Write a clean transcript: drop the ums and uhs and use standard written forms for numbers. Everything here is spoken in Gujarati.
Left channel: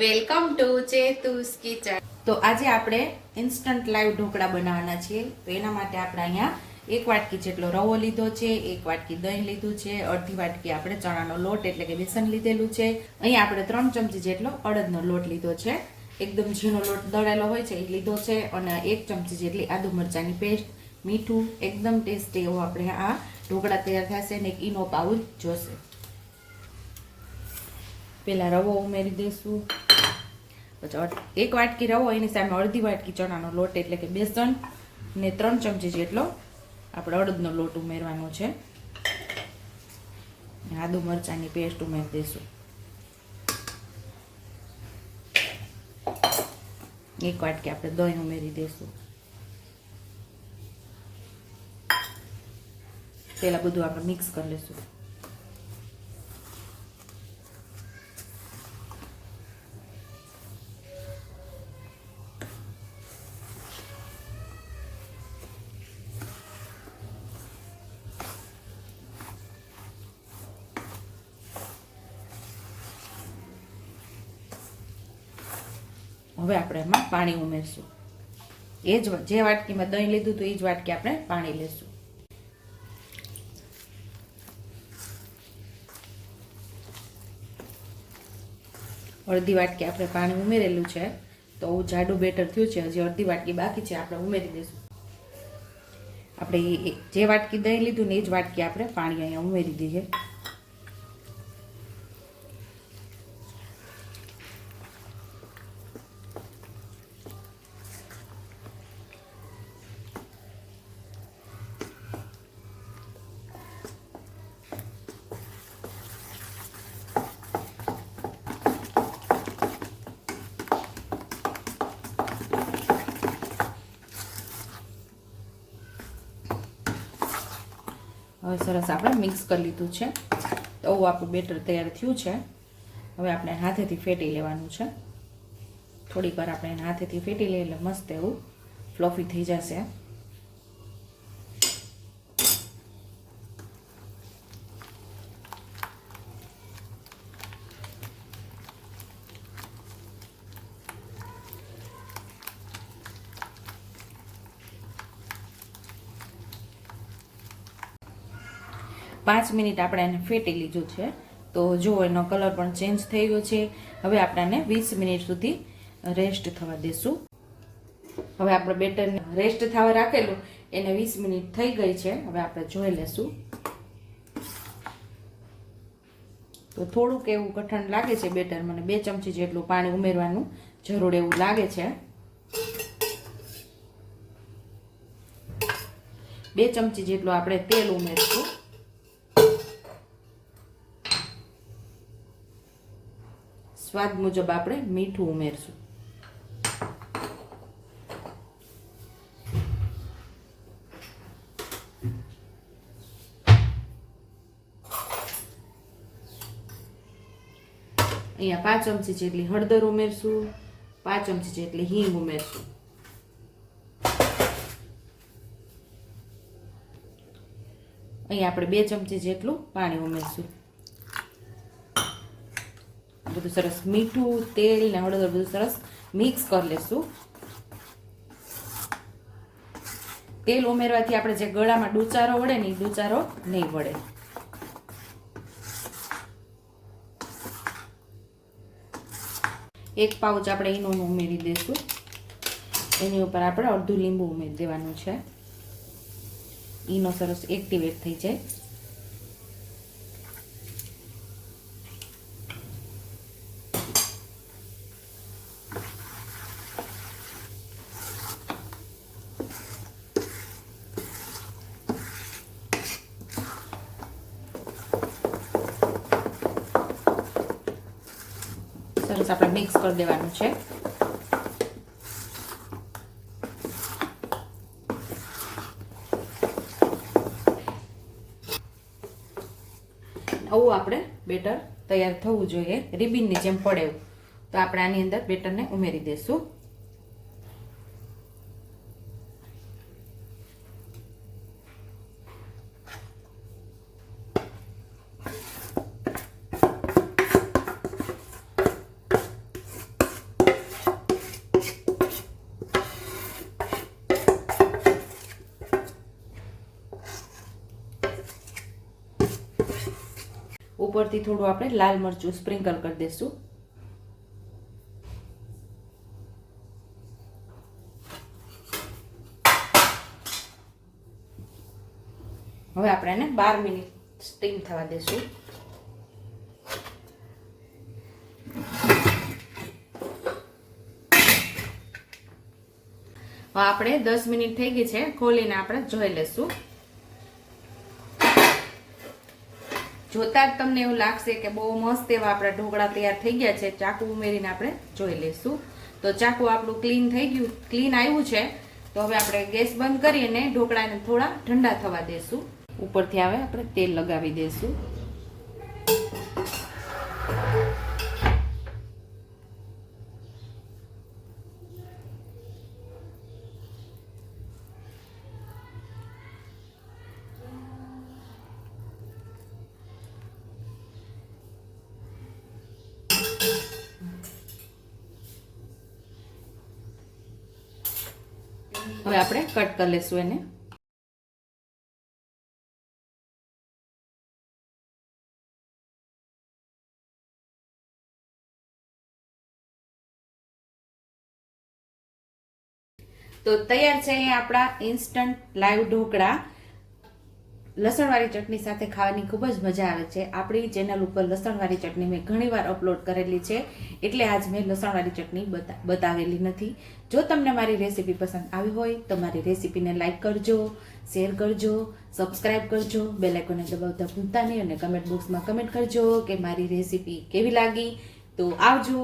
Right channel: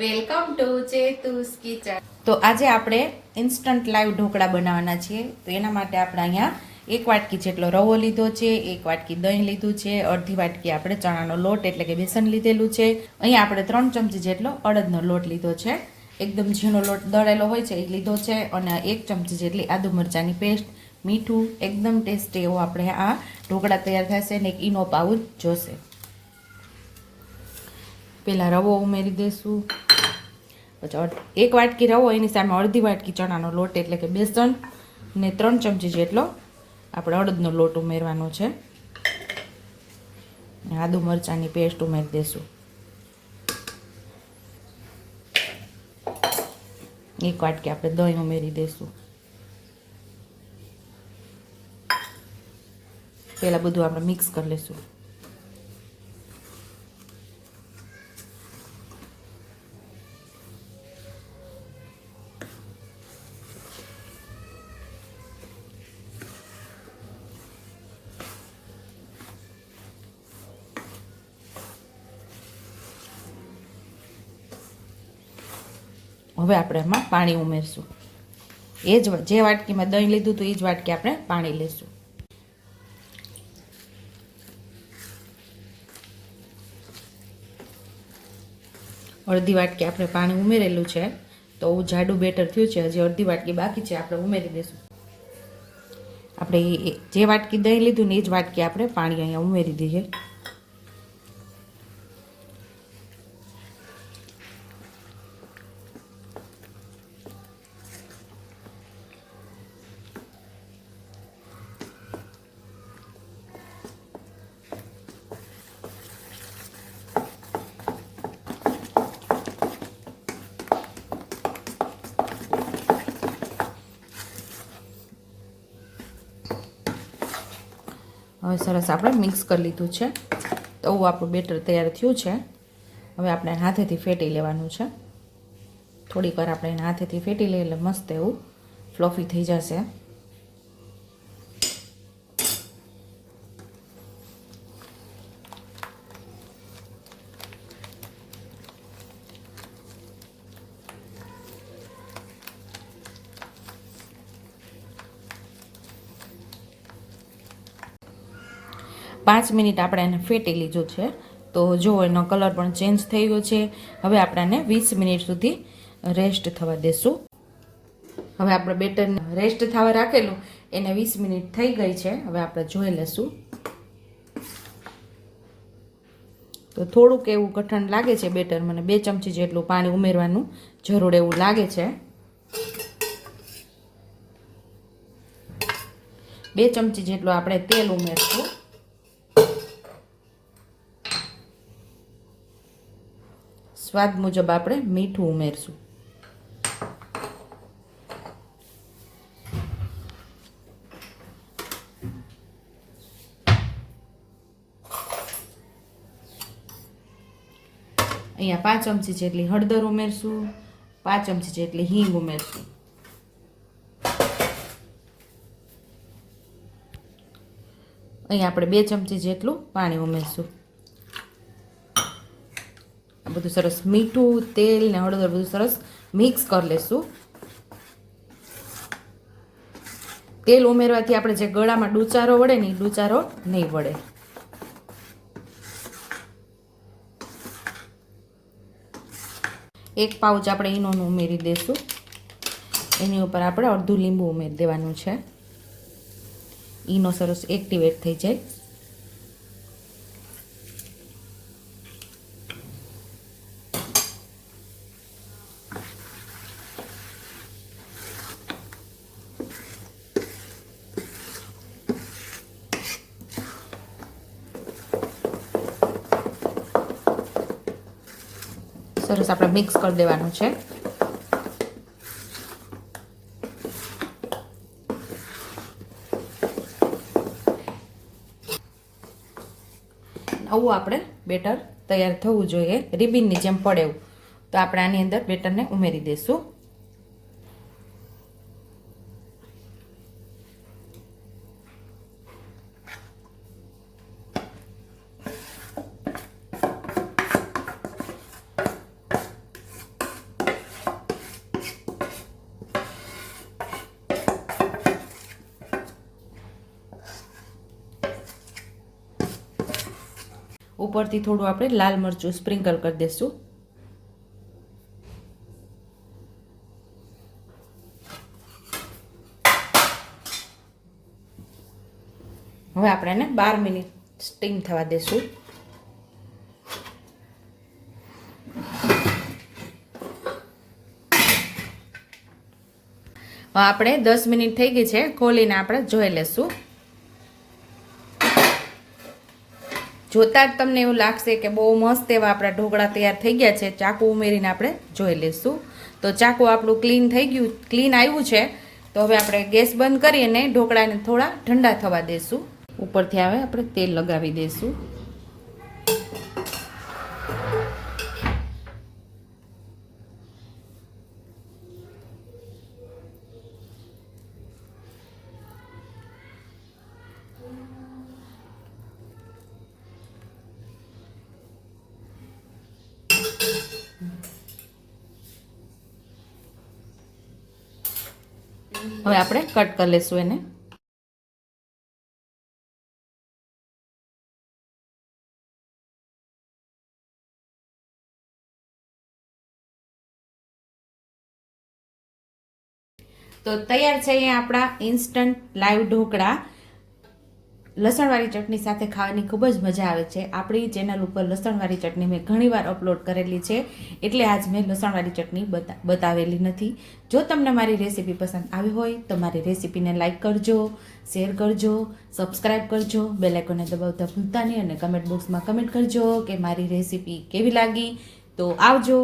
Welcome to ચેતુસ kitchen. તો આજે આપણે ઇન્સ્ટન્ટ લાઈવ ઢોકળા બનાવવાના છીએ। તો એના માટે આપણે અહીંયા 1 વાટકી જેટલો રવો લીધો છે, 1 વાટકી દહીં લીધું છે, અડધી વાટકી આપણે ચણાનો લોટ એટલે કે બેસન લીધેલું છે। અહીંયા આપણે 3 ચમચી જેટલો અડદનો લોટ લીધો છે, એકદમ ઝીણો લોટ દળેલો હોય છે એ લીધો છે, અને 1 ચમચી જેટલી આદુ મરચાંની પેસ્ટ, મીઠું, એકદમ ટેસ્ટી એવો આપણે આ ઢોકળા તૈયાર થશે ને એક ઈનો પાઉચ જોશે। પહેલાં રવો ઉમેરી દઈશું, પછી 1 વાટકી રવો એની સામે અડધી વાટકી ચણાનો લોટ એટલે કે બેસન ને 3 ચમચી જેટલો આપણે અડદનો લોટ ઉમેરવાનો છે, આદુ મરચાંની પેસ્ટ ઉમેરી દઈશું, 1 વાટકી આપણે દહીં ઉમેરી દઈશું। પહેલાં બધું આપણે મિક્સ કરી લઈશું। હવે આપણે એમાં પાણી ઉમેરશું, જે વાટકીમાં દહીં લીધું હતું એ જ વાટકી આપણે પાણી લેશું। અડધી વાટકી આપણે પાણી ઉમેરેલું છે, તો જાડું બેટર થયું છે, હજી અડધી વાટકી બાકી છે, આપણે ઉમેરી દઈશું। આપણે જે વાટકી દહીં લીધું ને એ જ વાટકી આપણે પાણી અહીંયા ઉમેરી દઈએ। હવે સરસ આપણે મિક્સ કરી લીધું છે, તો આપણું બેટર તૈયાર થયું છે। હવે આપણે હાથેથી ફેટી લેવાનું છે, થોડીક વાર આપણે એને હાથેથી ફેટી લઈએ એટલે મસ્ત એવું ફ્લફી થઈ જશે। પાંચ મિનિટ આપણે એને ફેટી લીધું છે, તો જો એનો કલર પણ ચેન્જ થઈ ગયો છે। હવે આપણે આને 20 મિનિટ સુધી રેસ્ટ થવા દેશું। હવે આપણે બેટરને રેસ્ટ થવા રાખેલું એને 20 મિનિટ થઈ ગઈ છે, હવે આપણે જોઈ લેશું। તો થોડુંક એવું કઠણ લાગે છે બેટર, મને 2 ચમચી જેટલું પાણી ઉમેરવાનું જરૂર એવું લાગે છે। 2 ચમચી જેટલું આપણે તેલ ઉમેરશું, સ્વાદ મુજબ આપણે મીઠું ઉમેરશું, અહીંયા 5 ચમચી જેટલી હળદર ઉમેરશું, 5 ચમચી જેટલી હિંગ ઉમેરશું, અહીંયા આપણે 2 ચમચી જેટલું પાણી ઉમેરશું। બધું સરસ મીઠું, તેલ ને હળદર બધું સરસ મિક્સ કરી લેશું। તેલ ઉમેરવાથી આપણે જે ગળામાં ડૂચારો વળે ને એ ડૂચારો નહીં વળે। એક પાઉચ આપણે ઈનોનું ઉમેરી દઈશું, એની ઉપર આપણે અડધું લીંબુ ઉમેરી દેવાનું છે, ઈનો સરસ એક્ટિવેટ થઈ જાય। સરસ આપણે મિક્સ કરી દેવાનું છે। આવું આપણે બેટર તૈયાર થવું જોઈએ, રિબિનની જેમ પડે એવું। તો આપણે આની અંદર બેટરને ઉમેરી દઈશું। ઉપરથી થોડું આપણે લાલ મરચું સ્પ્રિંકલ કરી દઈશું. હવે આપણે એને 12 મિનિટ સ્ટીમ થવા દેશું. હવે આપણે 10 મિનિટ થઈ ગઈ છે, ખોલીને આપણે જોઈ લેશું. જોતા જ તમને એવું લાગશે કે બહુ મસ્ત એવા આપણા ઢોકળા તૈયાર થઈ ગયા છે. ચાકુ ઉમેરીને આપણે જોઈ લઈશું. તો ચાકુ આપણું ક્લીન આવ્યું છે. તો હવે આપણે ગેસ બંધ કરીને ઢોકળાને થોડા ઠંડા થવા દઈશું. ઉપરથી આવે આપણે તેલ લગાવી દઈશું. હવે આપણે કટ કરી લઈશું એને. તો તૈયાર છે આપણા ઇન્સ્ટન્ટ લાઈવ ઢોકળા. લસણવાળી ચટણી સાથે ખાવાની ખૂબ જ મજા આવે છે. આપણી ચેનલ ઉપર લસણવાળી ચટણી મેં ઘણીવાર અપલોડ કરેલી છે, એટલે આજ મેં લસણવાળી ચટણી બતાવેલી નથી. જો તમને મારી રેસીપી પસંદ આવી હોય તો મારી રેસીપીને લાઈક કરજો, શેર કરજો, સબસ્ક્રાઈબ કરજો, બેલ આઇકોનને દબાવતા ભૂલતા નહીં અને કમેન્ટ બોક્સમાં કમેન્ટ કરજો કે મારી રેસીપી કેવી લાગી. તો આવજો.